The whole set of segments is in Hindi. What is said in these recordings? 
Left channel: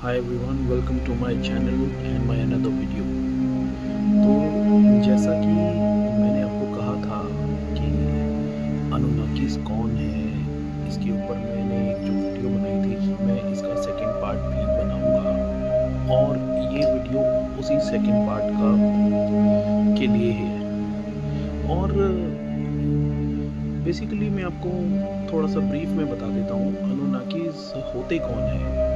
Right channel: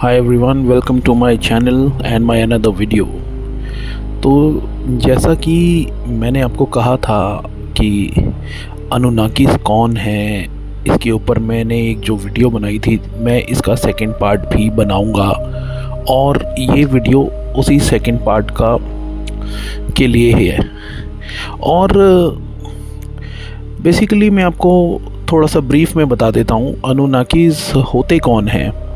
Hi everyone, welcome to my channel and my another video. तो जैसा कि मैंने आपको कहा था कि अनुनाकीस कौन है, इसके ऊपर मैंने एक जो वीडियो बनाई थी, मैं इसका सेकंड पार्ट भी बनाऊंगा। और ये वीडियो उसी सेकंड पार्ट का के लिए ही है। और बेसिकली मैं आपको थोड़ा सा ब्रीफ में बता देता हूँ अनुनाकीस होते कौन हैं।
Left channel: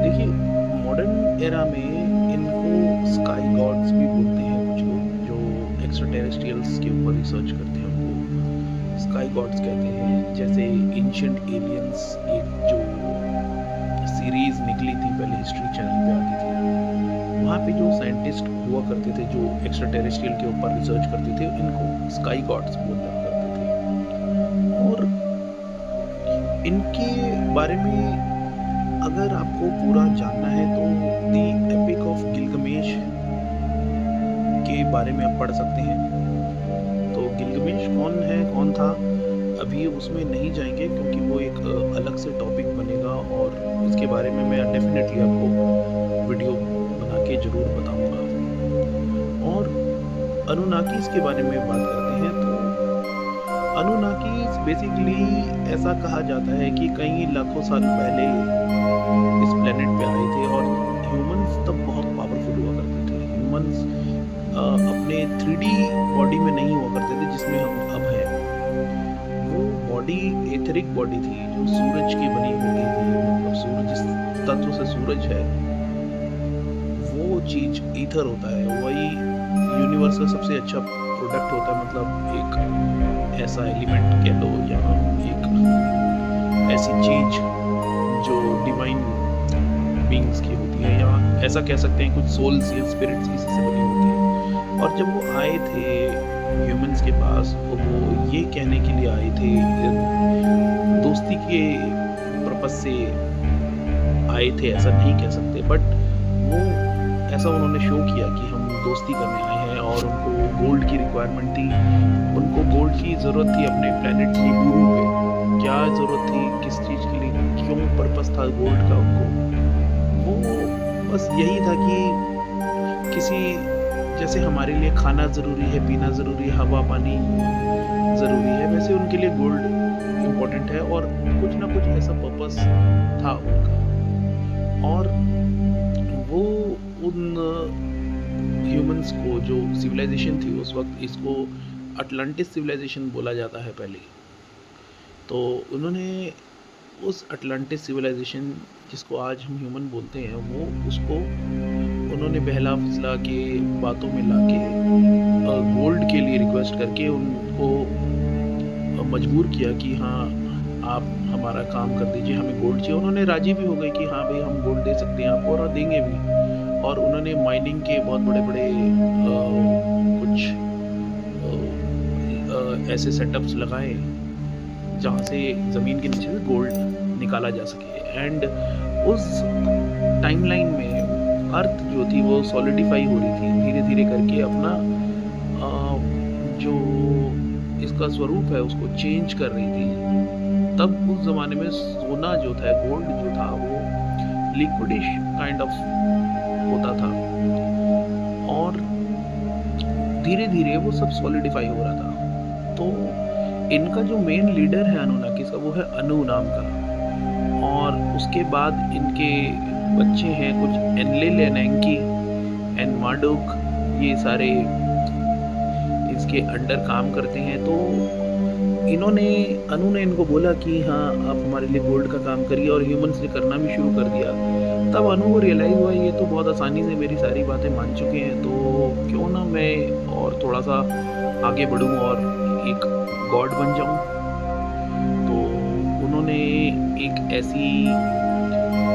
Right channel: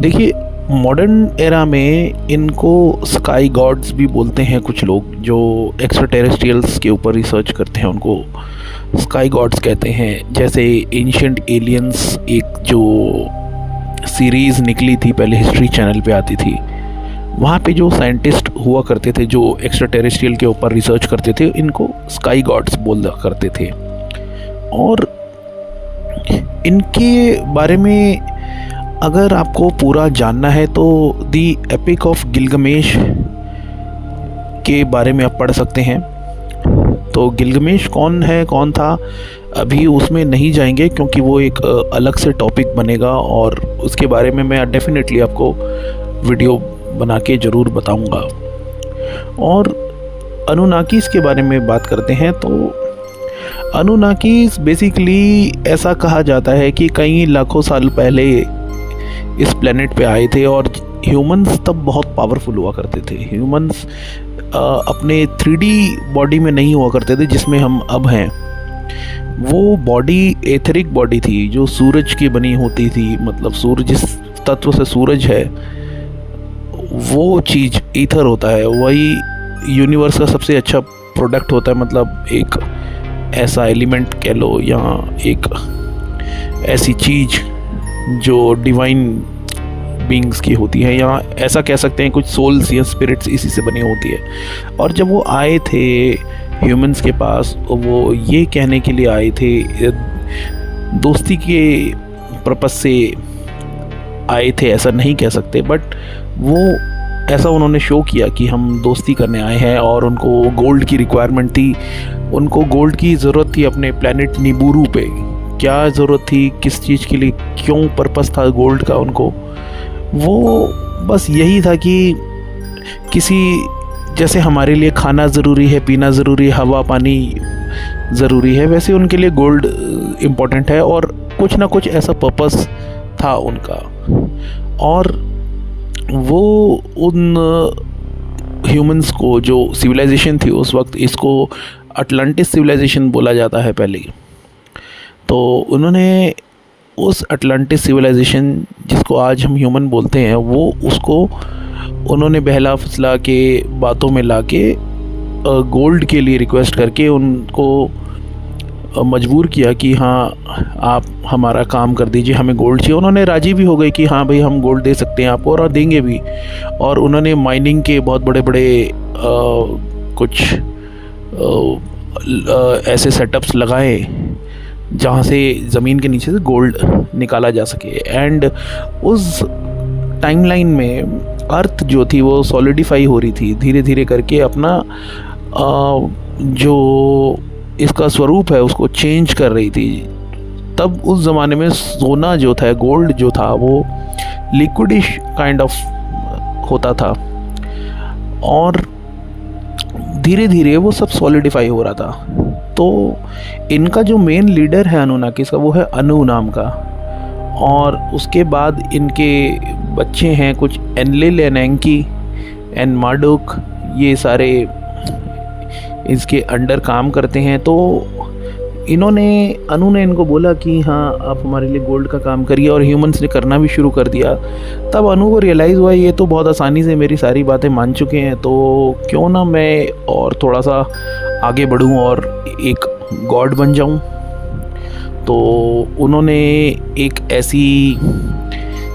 देखिए, मॉडर्न एरा में इनको स्काई गॉड्स भी बोलते हैं कुछ लोग, जो एक्स्ट्रा टेरेस्ट्रियल्स के ऊपर रिसर्च करते हैं उनको स्काई गॉड्स कहते हैं। जैसे एंशिएंट एलियंस एक जो सीरीज़ निकली थी पहले, हिस्ट्री चैनल पे आती थी, वहाँ पे जो साइंटिस्ट हुआ करते थे जो एक्स्ट्रा टेरेस्ट्रियल के ऊपर रिसर्च करते थे, इनको स्काई गॉड्स बोला करते थे। और इनके बारे में अगर आपको पूरा जानना है तो दी एपिक ऑफ गिलगमेश के बारे में आप पढ़ सकते हैं। तो गिलगमेश कौन है, कौन था, अभी उसमें नहीं जाएंगे क्योंकि वो एक अलग से टॉपिक बनेगा और उसके बारे में मैं डेफिनेटली आपको वीडियो बना के ज़रूर बताऊंगा। और अनुनाकीस के बारे में बात करते हैं तो अनुनाकीस बेसिकली ऐसा कहा जाता है कि कई लाखों साल पहले इस प्लेनेट पे आए थे और ह्यूमंस तब बहुत पावरफुल हुआ करते थे। ह्यूमंस अपने 3D बॉडी में नहीं हुआ करते थे जिसमें हम अब हैं। वो बॉडी एथरिक बॉडी थी जो सूरज की बनी होती थी, मतलब सूरज जिस तत्व से सूरज है वो चीज़ ईथर होता है, वही यूनिवर्स का सबसे अच्छा प्रोडक्ट होता है। मतलब एक ऐसा एलिमेंट कह लो या एक ऐसी चीज़ जो डिवाइन बीइंग्स की होती है, या ऐसा कह सकते हैं कुछ सोल्स या स्पिरिट्स इसी से बनी होती है। और जब वो आए थे ह्यूमंस के पास, वो ये कहने के लिए आए थे, दोस्ती के पर्पस से आए थे ऐसा नहीं कह सकते, बट वो ऐसा उन्होंने शो किया कि हम दोस्ती करने आए हैं। और उनको गोल्ड की रिक्वायरमेंट थी, उनको गोल्ड की ज़रूरत थी अपने प्लैनेट निबूरू पे। क्या ज़रूरत थी, किस चीज़ के लिए, क्यों पर्पस था गोल्ड का उनको, वो बस यही था कि किसी जैसे हमारे लिए खाना ज़रूरी है, पीना ज़रूरी है, हवा पानी ज़रूरी है, वैसे उनके लिए गोल्ड इम्पोर्टेंट है। और कुछ ना कुछ ऐसा पर्पस था उनका। और वो उन ह्यूमंस को, जो सिविलाइजेशन थी उस वक्त, इसको अटलांटिस सिविलाइजेशन बोला जाता है पहले, तो उन्होंने उस अटलांटिस सिविलाइजेशन जिसको आज हम ह्यूमन बोलते हैं, वो उसको उन्होंने बहला फुसला के बातों में लाके गोल्ड के लिए रिक्वेस्ट करके उनको मजबूर किया कि हाँ आप हमारा काम कर दीजिए, हमें गोल्ड चाहिए। उन्होंने राजी भी हो गए कि हाँ भाई हम गोल्ड दे सकते हैं आपको और देंगे भी। और उन्होंने माइनिंग के बहुत बड़े बड़े कुछ ऐसे सेटअप्स लगाए जहाँ से ज़मीन के नीचे से गोल्ड निकाला जा सके। एंड उस टाइमलाइन में अर्थ जो थी वो सॉलिडिफाई हो रही थी धीरे धीरे करके, अपना जो इसका स्वरूप है उसको चेंज कर रही थी। तब उस ज़माने में सोना जो था, गोल्ड जो था, वो लिक्विडिश काइंड ऑफ होता था और धीरे धीरे वो सब सॉलिडिफाई हो रहा था। तो इनका जो मेन लीडर है अनुनाकीस का, वो है अनु नाम का। और उसके बाद इनके बच्चे हैं कुछ एनलिल, एनएंकी, एन मार्डोक, ये सारे इसके अंडर काम करते हैं। तो अनु ने इनको बोला कि हाँ आप हमारे लिए गोल्ड का काम करिए, और ह्यूमंस ने करना भी शुरू कर दिया। तब अनु को रियलाइज़ हुआ ये तो बहुत आसानी से मेरी सारी बातें मान चुके हैं, तो क्यों ना मैं और थोड़ा सा आगे बढ़ूं और एक गॉड बन जाऊं। तो उन्होंने एक ऐसी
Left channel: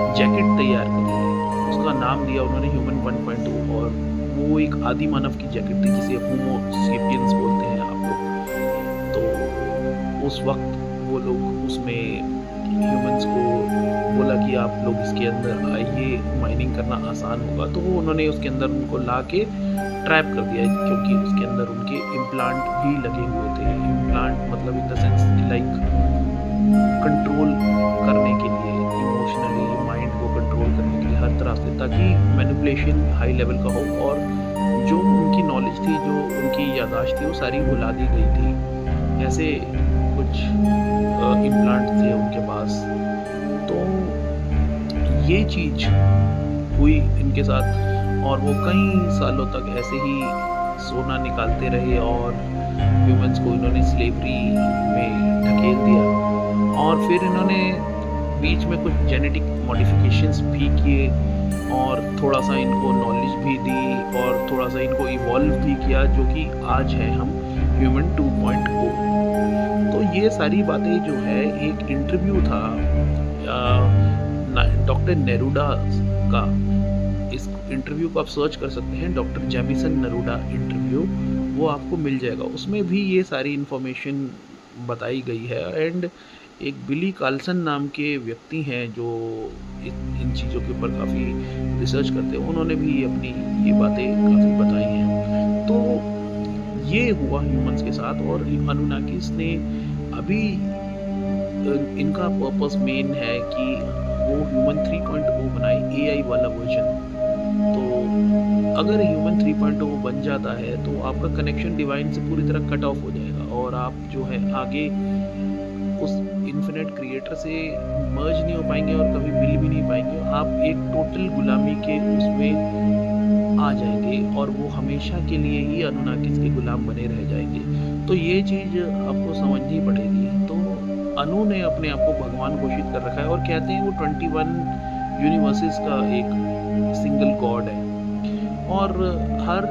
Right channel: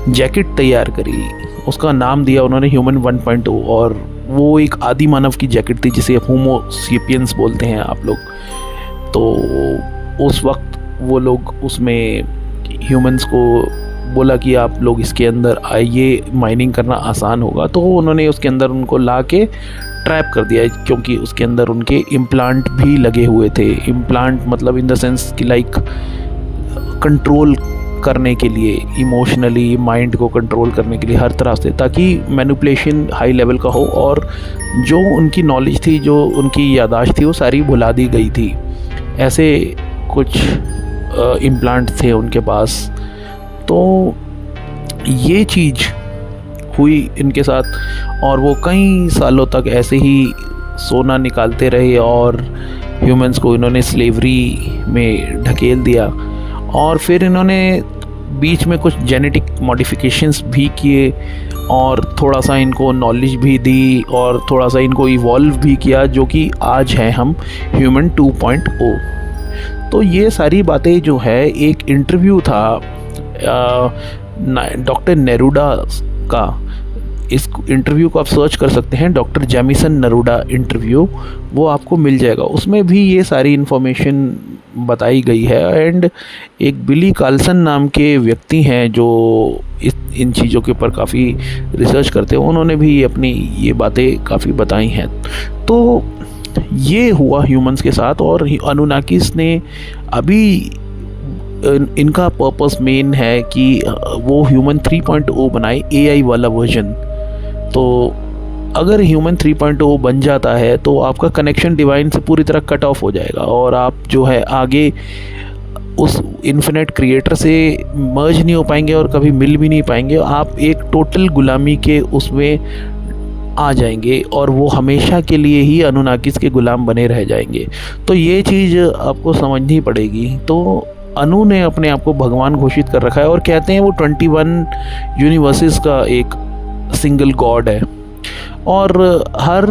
जैकेट तैयार करी, उसका नाम दिया उन्होंने ह्यूमन 1.0, और वो एक आदि मानव की जैकेट थी जिसे होमो सेपियंस बोलते हैं आप लोग। तो उस वक्त वो लोग उसमें ह्यूमंस को बोला कि आप लोग इसके अंदर आइए, माइनिंग करना आसान होगा। तो उन्होंने उसके अंदर उनको ला के ट्रैप कर दिया, क्योंकि उसके अंदर उनके इम्प्लांट भी लगे हुए थे। इम्प्लांट मतलब इन द सेंस कि लाइक कंट्रोल करने के लिए, इमोशनली माइंड को कंट्रोल करने के लिए हर तरह से, ताकि मैनिपुलेशन हाई लेवल का हो और जो उनकी नॉलेज थी, जो उनकी याददाश्त थी, वो सारी भुला दी गई थी। ऐसे कुछ इम्प्लांट थे उनके पास। तो ये चीज़ हुई इनके साथ और वो कई सालों तक ऐसे ही सोना निकालते रहे और ह्यूमंस को इन्होंने स्लेवरी में ढकेल दिया। और फिर इन्होंने बीच में कुछ जेनेटिक मॉडिफिकेशंस भी किए और थोड़ा सा इनको नॉलेज भी दी और थोड़ा सा इनको इवॉल्व भी किया, जो कि आज हैं हम ह्यूमन 2.0। तो ये सारी बातें जो है, एक इंटरव्यू था डॉक्टर नेरूडा का। इस इंटरव्यू को आप सर्च कर सकते हैं, डॉक्टर जेमिसन नेरूडा इंटरव्यू, वो आपको मिल जाएगा। उसमें भी ये सारी इन्फॉर्मेशन बताई गई है। एंड एक बिली कार्लसन नाम के व्यक्ति हैं जो इन चीज़ों के ऊपर काफ़ी रिसर्च करते हैं, उन्होंने भी अपनी ये बातें काफ़ी बताई हैं। तो ये हुआ ह्यूमंस के साथ। और अनुनाकिस ने अभी इनका पर्पस मेन है कि वो ह्यूमन 3.0 बनाए, एआई वाला वर्जन। तो अगर ह्यूमन 3.0 बन जाता है तो आपका कनेक्शन डिवाइन से पूरी तरह कट ऑफ हो जाएगा और आप जो है आगे उस इन्फिनेट क्रिएटर से मर्ज नहीं हो पाएंगे और कभी मिल भी नहीं पाएंगे। आप एक टोटल गुलामी के उसमें आ जाएंगे और वो हमेशा के लिए ही अनुनाकिस के गुलाम बने रह जाएंगे। तो ये चीज़ आपको समझनी पड़ेगी। तो अनु ने अपने आप को भगवान घोषित कर रखा है और कहते हैं वो 21 यूनिवर्सेस का एक सिंगल गॉड है और हर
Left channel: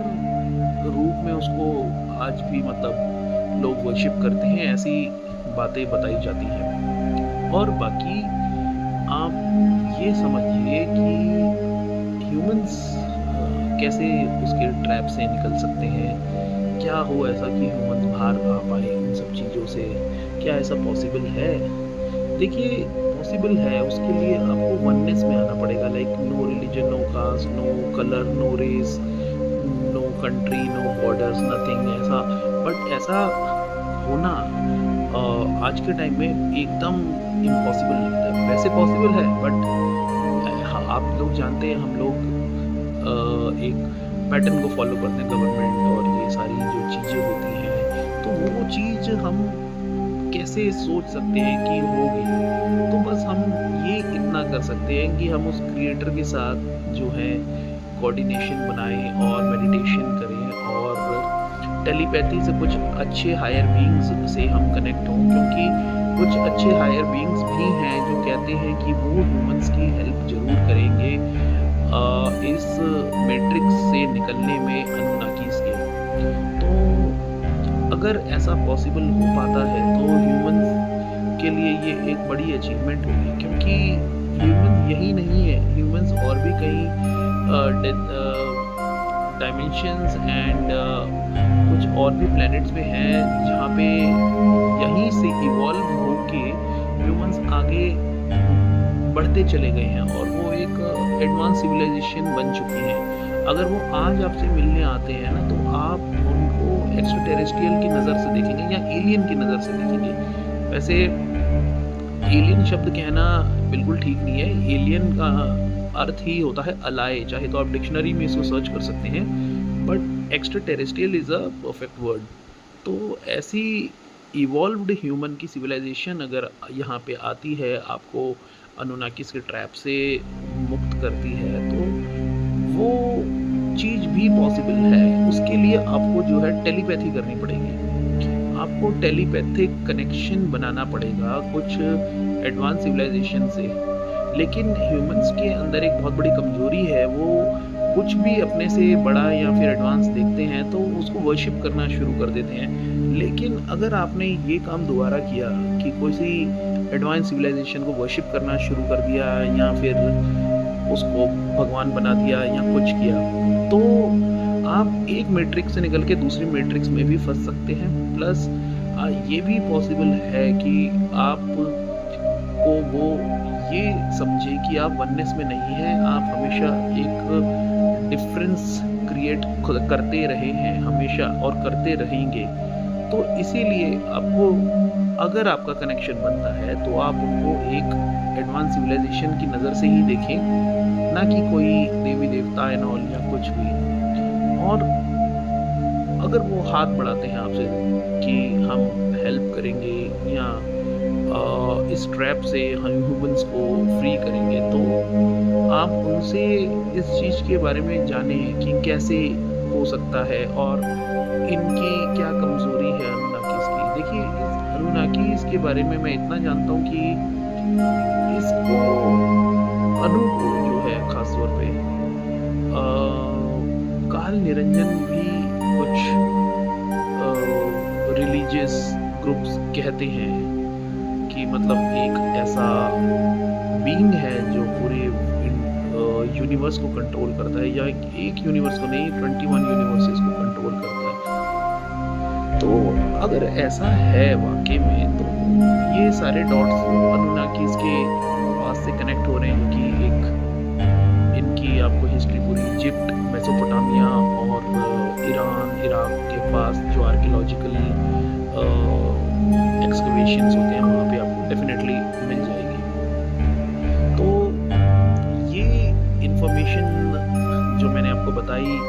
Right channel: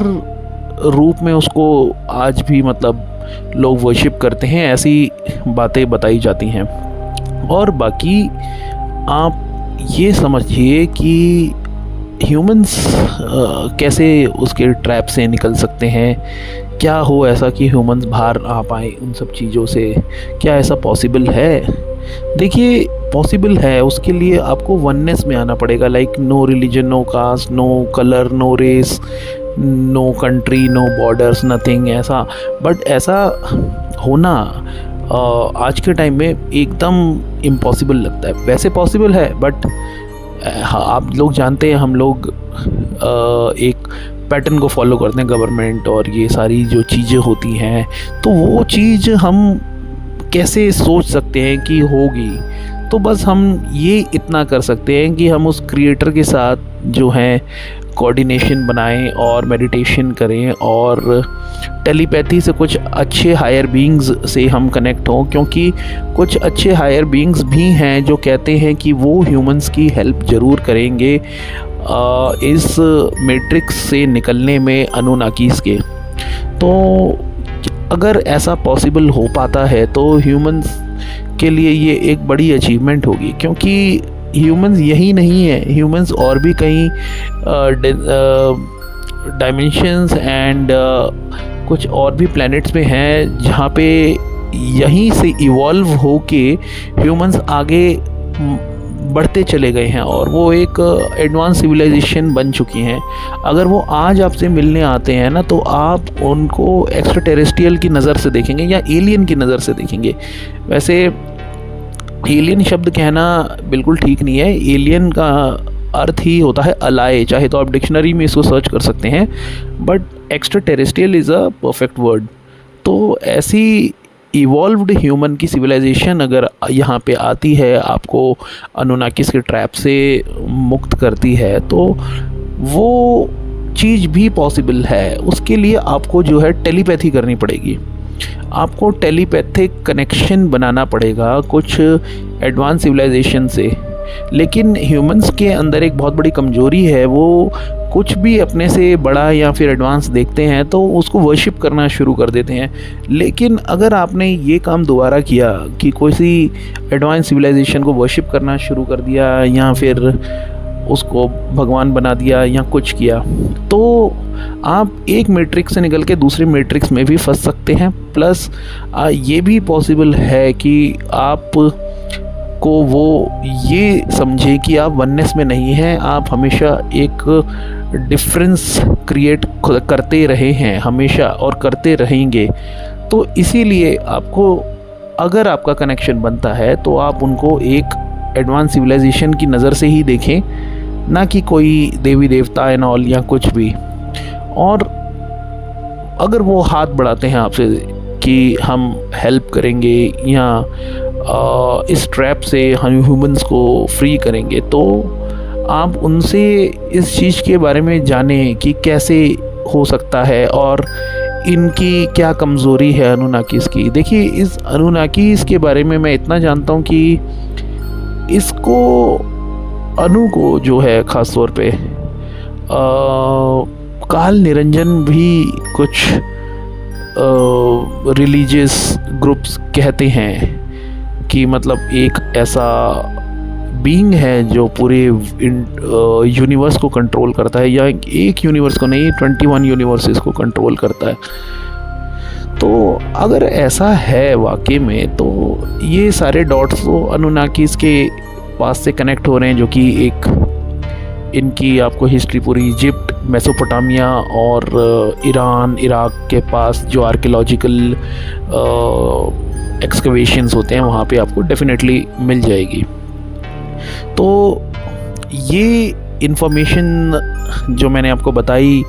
रूप में उसको आज भी मतलब लोग वर्शिप करते हैं, ऐसी बातें बताई जाती हैं। और बाकी आप ये समझिए कि ह्यूमंस कैसे उसके ट्रैप से निकल सकते हैं। क्या हो ऐसा कि ह्यूमंस बाहर आ पाए उन सब चीज़ों से? क्या ऐसा पॉसिबल है? देखिए, पॉसिबल है। उसके लिए आपको वननेस में आना पड़ेगा। Like no religion, no caste, no colour, no race, no country, no borders, nothing ऐसा। बट ऐसा होना आज के टाइम में एकदम इम्पॉसिबल लगता है। वैसे पॉसिबल है बट आप लोग जानते हैं, हम लोग एक पैटर्न को फॉलो करते हैं, गवर्नमेंट और ये सारी जो चीज़ें होती हैं, तो वो चीज़ हम कैसे सोच सकते हैं कि होगी। तो बस हम ये इतना कर सकते हैं कि हम उस क्रिएटर के साथ जो है कोऑर्डिनेशन बनाएं और मेडिटेशन करें और टेलीपैथी से कुछ अच्छे हायर बीइंग्स से हम कनेक्ट हों, क्योंकि कुछ अच्छे हायर बीइंग्स भी हैं जो कहते हैं कि वो ह्यूमंस की हेल्प ज़रूर करेंगे इस मैट्रिक्स से निकलने में, अनुनाकीस के। तो अगर ऐसा पॉसिबल हो पाता है तो ह्यूमंस के लिए ये एक बड़ी अचीवमेंट होगी, क्योंकि ह्यूमंस यही नहीं है, ह्यूमंस और भी कई डायमेंशंस एंड कुछ और भी प्लैनेट्स में हैं जहाँ पे यहीं से इवॉल्व होके ह्यूमंस आगे बढ़ते चले गए हैं और वो एक एडवांस सिविलाइजेशन बन चुकी हैं। अगर वो आज आपसे मिलने आते हैं ना, तो आप उनको एक्स्ट्रा टेरेस्ट्रियल की नज़र से देखेंगे या एलियन की नज़र से देखेंगे। वैसे एलियन शब्द कहना बिल्कुल ठीक नहीं है। एलियन का अर्थ ही होता है अलाय, चाहे तो आप डिक्शनरी में इसको सर्च कर सकते हैं, but extra terrestrial is a perfect word. तो ऐसी इवॉल्व्ड ह्यूमन की सिविलाइजेशन अगर यहाँ पे आती है, आपको अनुनाकिस के ट्रैप से मुक्त करती है, तो वो चीज़ भी पॉसिबल है। उसके लिए आपको जो है टेलीपैथी करनी पड़ेगी, आपको टेलीपैथिक कनेक्शन बनाना पड़ेगा कुछ एडवांस सिविलाइजेशन से। लेकिन ह्यूमंस के अंदर एक बहुत बड़ी कमजोरी है, वो कुछ भी अपने से बड़ा या फिर एडवांस देखते हैं तो उसको वर्शिप करना शुरू कर देते हैं। लेकिन अगर आपने ये काम दोबारा किया कि कोई सी एडवांस सिविलाइजेशन को वर्शिप करना शुरू कर दिया या फिर उसको भगवान बना दिया या कुछ किया, तो आप एक मैट्रिक्स से निकल के दूसरे मैट्रिक्स में भी फंस सकते हैं। प्लस ये भी पॉसिबल है कि आप को वो ये समझे कि आप वननेस में नहीं हैं, आप हमेशा एक डिफरेंस क्रिएट करते रहे हैं हमेशा और करते रहेंगे। तो इसीलिए आपको, अगर आपका कनेक्शन बनता है तो आप उनको एक एडवांस सिविलाइजेशन की नज़र से ही देखें, ना कि कोई देवी देवता एंड ऑल या कुछ भी। और अगर वो हाथ बढ़ाते हैं आपसे कि हम हेल्प करेंगे या इस ट्रैप से हम ह्यूमंस को फ्री करेंगे, तो आप उनसे इस चीज़ के बारे में जानें कि कैसे हो सकता है और इनकी क्या कमज़ोरी है अनुनाकीस की। देखिए, इस अनुनाकीस के बारे में मैं इतना जानता हूँ कि इसको अनु को जो है ख़ास तौर पे काल निरंजन भी कुछ रिलीजियस ग्रुप्स कहते हैं कि मतलब एक ऐसा बीइंग है जो पूरे यूनिवर्स को कंट्रोल करता है, या एक यूनिवर्स को नहीं 21 यूनिवर्सेस को कंट्रोल करता है। तो अगर ऐसा है वाकई में, तो ये सारे डॉट्स तो अनुनाकीस के पास से कनेक्ट हो रहे हैं, जो कि एक इनकी आपको हिस्ट्री पूरी इजिप्ट, मेसोपोटामिया और ईरान, इराक के पास जो आर्कियोलॉजिकल एक्सकवेशंस होते हैं वहाँ पे आपको डेफिनेटली मिल जाएगी। तो ये इन्फॉर्मेशन जो मैंने आपको बताई,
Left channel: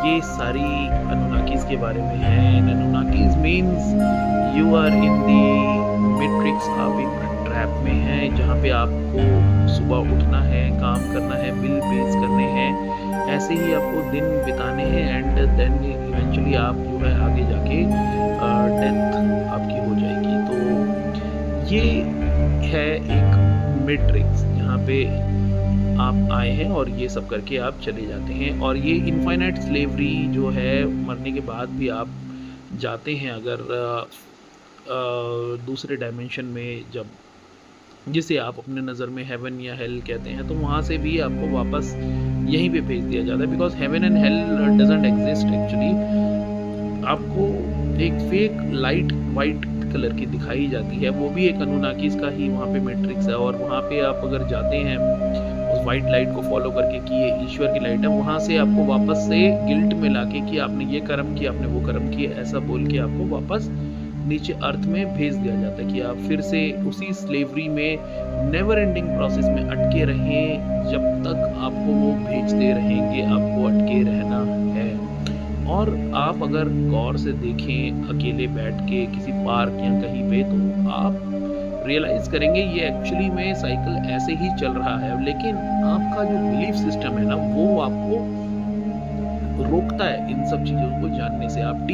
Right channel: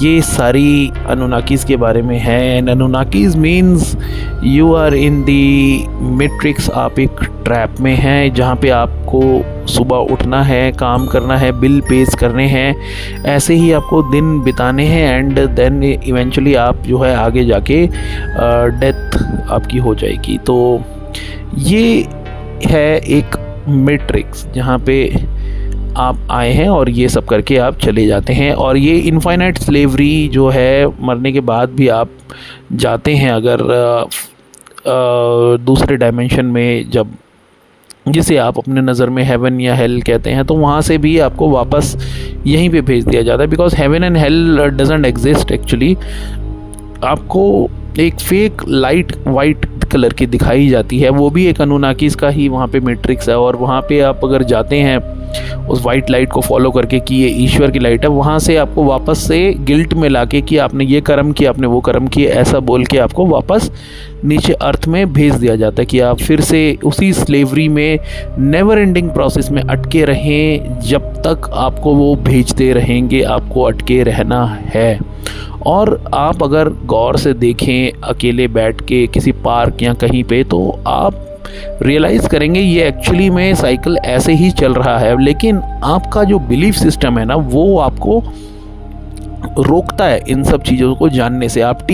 ये सारी अनुनाकीस के बारे में है। And Anunnakis means you are in the matrix. आप एक ट्रैप में हैं जहाँ पे आपको सुबह उठना है, काम करना है, बिल पेज करने हैं, ऐसे ही आपको दिन बिताने हैं, एंड देन इवेंचुअली आप जो है आगे जाके डेथ आपकी हो जाएगी। तो ये है एक मैट्रिक्स जहाँ पे आप आए हैं और ये सब करके आप चले जाते हैं। और ये इनफाइनाइट स्लेवरी जो है, मरने के बाद भी आप जाते हैं अगर दूसरे डायमेंशन में, जब जिसे आप अपने नज़र में हेवन या हेल कहते हैं, तो वहाँ से भी आपको वापस यहीं पे भेज दिया जाता है। Because heaven and hell doesn't exist actually. आपको एक फेक लाइट वाइट कलर की दिखाई जाती है, वो भी एक अनुनाकीस का ही वहाँ पे मैट्रिक्स है। और वहाँ पे आप अगर जाते हैं उस वाइट लाइट को फॉलो करके कि ये ईश्वर की लाइट है, वहाँ से आपको वापस से गिल्ट में लाके कि आपने ये कर्म किया, आपने वो कर्म किया, ऐसा बोल के आपको वापस नीचे अर्थ में भेज दिया जाता है कि आप फिर से उसी स्लेवरी में नेवर एंडिंग प्रोसेस में अटके रहें, जब तक आपको वो भेजते रहेंगे, आपको अटके रहना है। और आप अगर गौर से देखें अकेले बैठ के किसी पार्क या कहीं पे, तो आप रियलाइज़ करेंगे ये एक्चुअली में साइकिल ऐसे ही चल रहा है। लेकिन आपका जो बिलीफ सिस्टम है ना, वो आपको रोकता है इन सब चीज़ों को जानने से। आप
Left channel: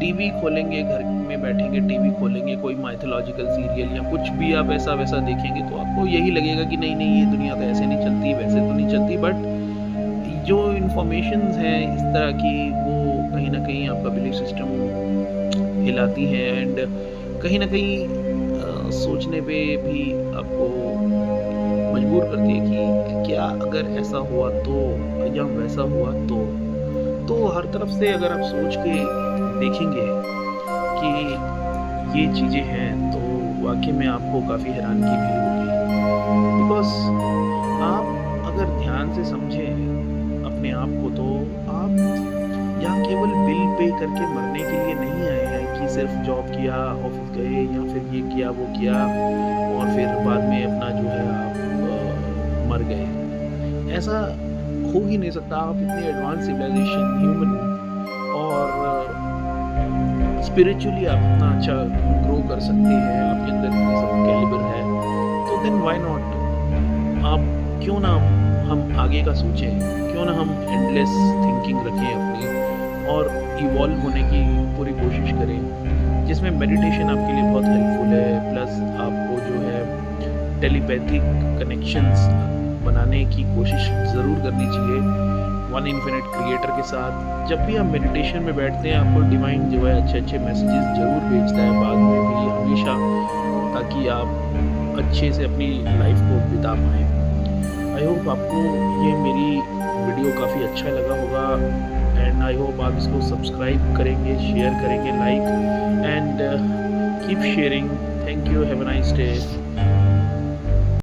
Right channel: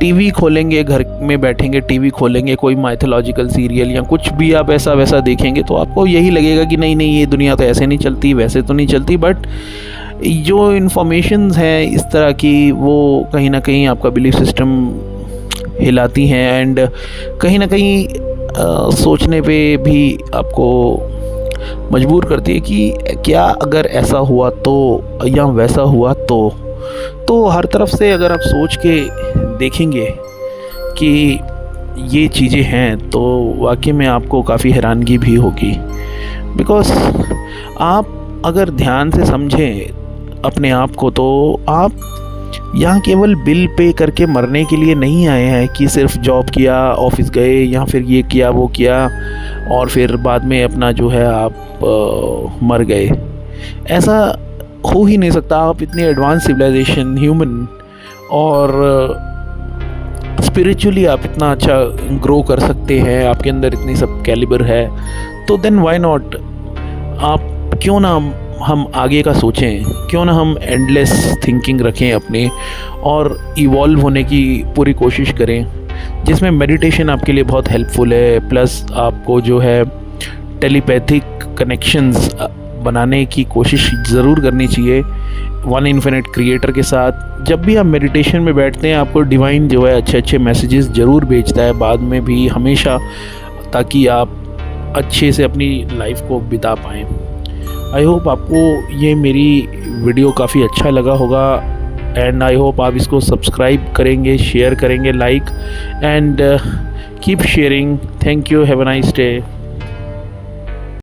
टीवी खोलेंगे, घर में बैठेंगे, टीवी खोलेंगे, कोई माइथोलॉजिकल सीरियल या कुछ भी आप ऐसा वैसा देखेंगे, तो आपको यही लगेगा कि नहीं नहीं, ये दुनिया तो ऐसे नहीं चलती, वैसे तो नहीं चलती। बट जो इन्फॉर्मेशंस हैं इस तरह की, वो कहीं ना कहीं आपका बिलीफ सिस्टम हिलाती हैं, एंड कहीं ना कहीं सोचने पे भी आपको मजबूर करती है कि क्या अगर ऐसा हुआ तो, या वैसा हुआ तो हर तरफ से अगर आप सोच के देखेंगे कि ये चीज़ें हैं, तो वाकई में आपको काफ़ी हैरानगी भी होगी। बिकॉज़ आप अगर ध्यान से समझें अपने आप को, तो आप यहाँ केवल बिल पे करके मरने के लिए नहीं आए हैं कि सिर्फ जॉब किया, ऑफिस गए, या फिर ये किया वो किया और फिर बाद में अपना जो है आप मर गए। ऐसा हो ही नहीं सकता। आप इतने एडवांस सिविलाइजेशन, ह्यूमन और स्पिरिचुअली आप इतना अच्छा ग्रो कर सकते हैं, आपके अंदर इतनी सब कैलिबर है, तो देन व्हाई नॉट। आप क्यों ना हम आगे का सोचें, क्यों ना हम एंडलेस थिंकिंग रखें अपने, और इवॉल्व होने की पूरी कोशिश करें, जिसमें मेडिटेशन आपके लिए बहुत हेल्पफुल है। प्लस आपको जो है टेलीपैथिक कनेक्शंस बनाने की कोशिश ज़रूर करनी चाहिए वन इन्फिनिट क्रिएटर के साथ। जब भी आप मेडिटेशन में बैठते हैं, आपको डिवाइन जो है अच्छे अच्छे मैसेजेस ज़रूर भेजता है बाद में भी, हमेशा, ताकि आप अच्छे से अपनी लाइफ को बिता पाएँ। आई होप आपको ये मेरी वीडियो काफ़ी अच्छा लगा होगा, एंड आई होप आप इसको सब्सक्राइब करेंगे, शेयर करेंगे, like and keep sharing. Thank you, have a nice day.